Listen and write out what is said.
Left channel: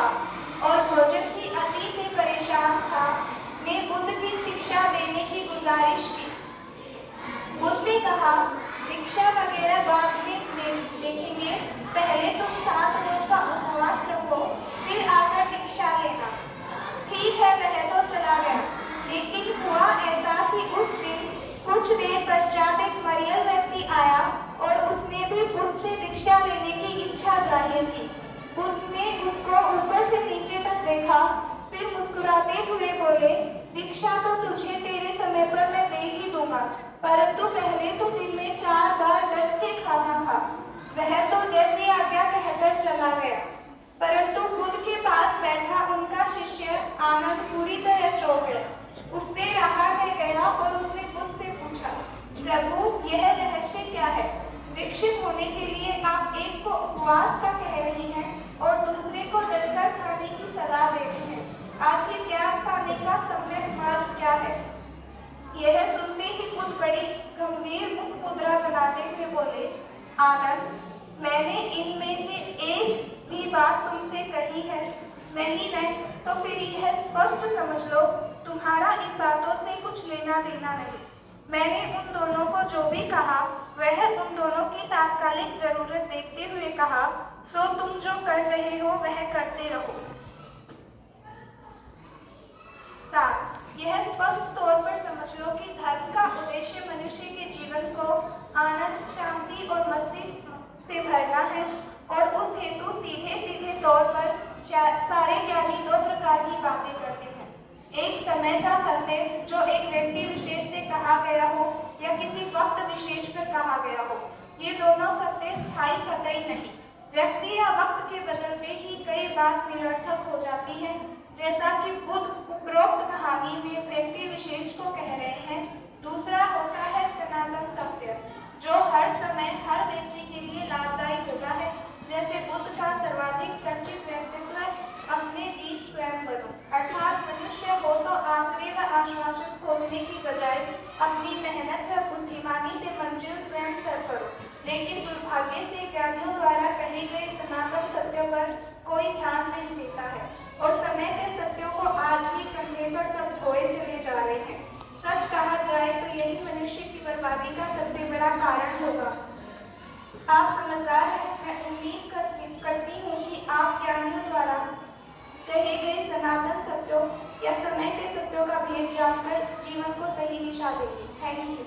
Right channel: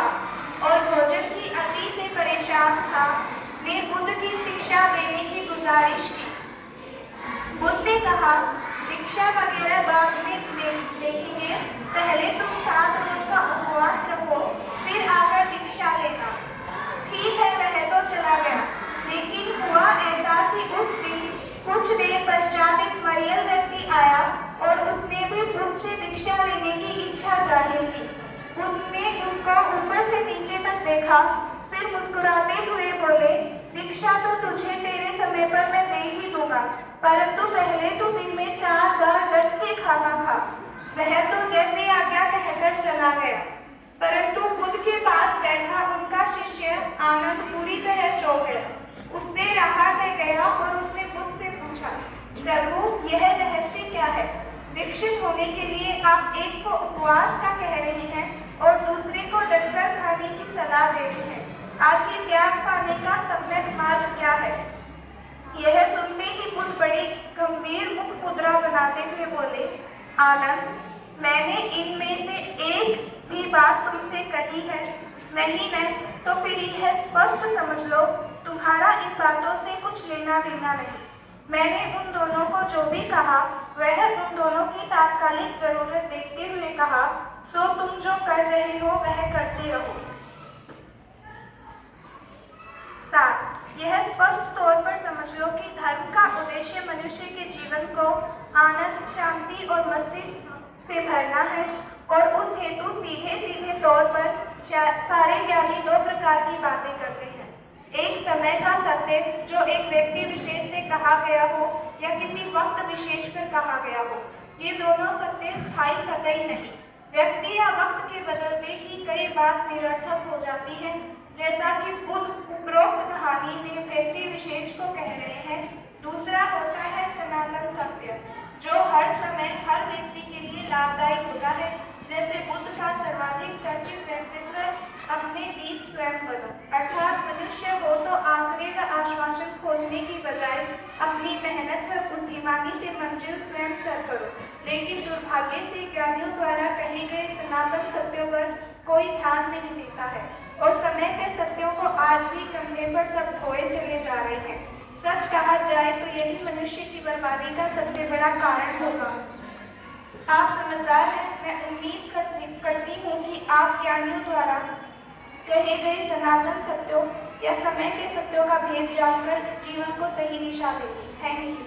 था और भोजन की अति से परेशान था, ने बुद्ध की शिक्षा देने की गुजारिश की। बुद्ध ने कहा, शिक्षा वगैरह बाद में देखेंगे, पहले तुम 7 रोज का उपवास रखो, फिर आकर दीक्षा लेना। ठीक है, वह तो चला गया, लेकिन हुआ ऐसा कि उस दिन कुछ देर पश्चात एक मरियल व्यक्ति आया और उसने भी बुद्ध से दीक्षा लेने की इच्छा जाहिर की। बुद्ध ने उसको ऊपर से नीचे तक देखा, फिर मुस्कुराते हुए बोले, दीक्षा तो तुझे तेरे समय पर मैं दे ही दूंगा, परंतु पहले तो दिन में 4 बार बैठ के खाना खा। वह तो जैसे आज्ञा कहकर चला गया, परंतु बुद्ध के पास बैठा उनका शिष्य आनंद पूरी तरह चौंक गया। उससे रहा न गया और उसने बुद्ध से पूछा, प्रभु, यह रहस्य क्या है? दीक्षित होने के लिए आप एक को उपवास का कह रही हैं और दूसरे को डटकर खाने की सलाह दे रही हैं। आखिर त्याग पाने का सम्यक मार्ग क्या है? यह सुनते ही बुद्ध बड़ी गंभीर मुख मुद्रा बनाते हुए बोले, आनंद, मैंने इनमें से एक भी बात तुमसे कही है नहीं है, तो फिर यह स्पष्ट समझ लो, तुम्हारा इन बातों से कुछ लेना देना नहीं। मैंने उन दोनों को जो भी कहा वह उन दोनों की तात्कालिक जरूरत देखते हुए कहा, सो तुम जो कर रहे हो वह करते रहो। 7. यह स्पष्ट तौर पर समझ लो कि धर्म का उद्देश्य मनुष्य के जीवन को आनंद, शांति और मस्तिष्क से भरना है और उस हेतु सीधे सीधे तौर पर सारे ज्ञानी 2 प्रकार की बातें करते हैं। एक समय का सत्य जो एक व्यक्ति विशेष से कहा गया हो या किसी वक्त विशेष पर कहा गया हो। ये दोनों सत्य स्थायी कतई नहीं। व्यक्ति या वक्त के बदलते ही कई बात निरर्थक हो जाती है, जैसा कि बुद्ध उपरोक्त कहानी में व्यक्ति विशेष को कह रहे हैं। दूसरा होता है सनातन सत्य, जो हर समय हर व्यक्ति के लिए लाभदायी होता है, जैसे बुद्ध का सर्वाधिक चर्चित व्यक्तित्व, अपने दीप स्वयं बनो, अर्थात मनुष्य हो तो आश्रय व आश्वासन खोजने की बजाय अपनी मेहनत व बुद्धिमानी से मंजिल स्वयं सर करो। लेकिन दुर्भाग्य से ज्ञानियों द्वारा कहे गए सनातन सत्यों पर कोई ध्यान नहीं देता है और समय के सत्यों को आज भी कंधे पर सब ढोए चले जा रहे हैं। सच कहा जाए तो यही मनुष्य की बर्बादी का सबसे बड़ा कारण होगा। आप समझदार हैं, मैं उम्मीद करती हूँ कि आप ज्ञानियों द्वारा कहे गए सनातन सत्यों या समय के सत्यों का भेद जानकर जीवन को सही दिशा देंगे। Thank you.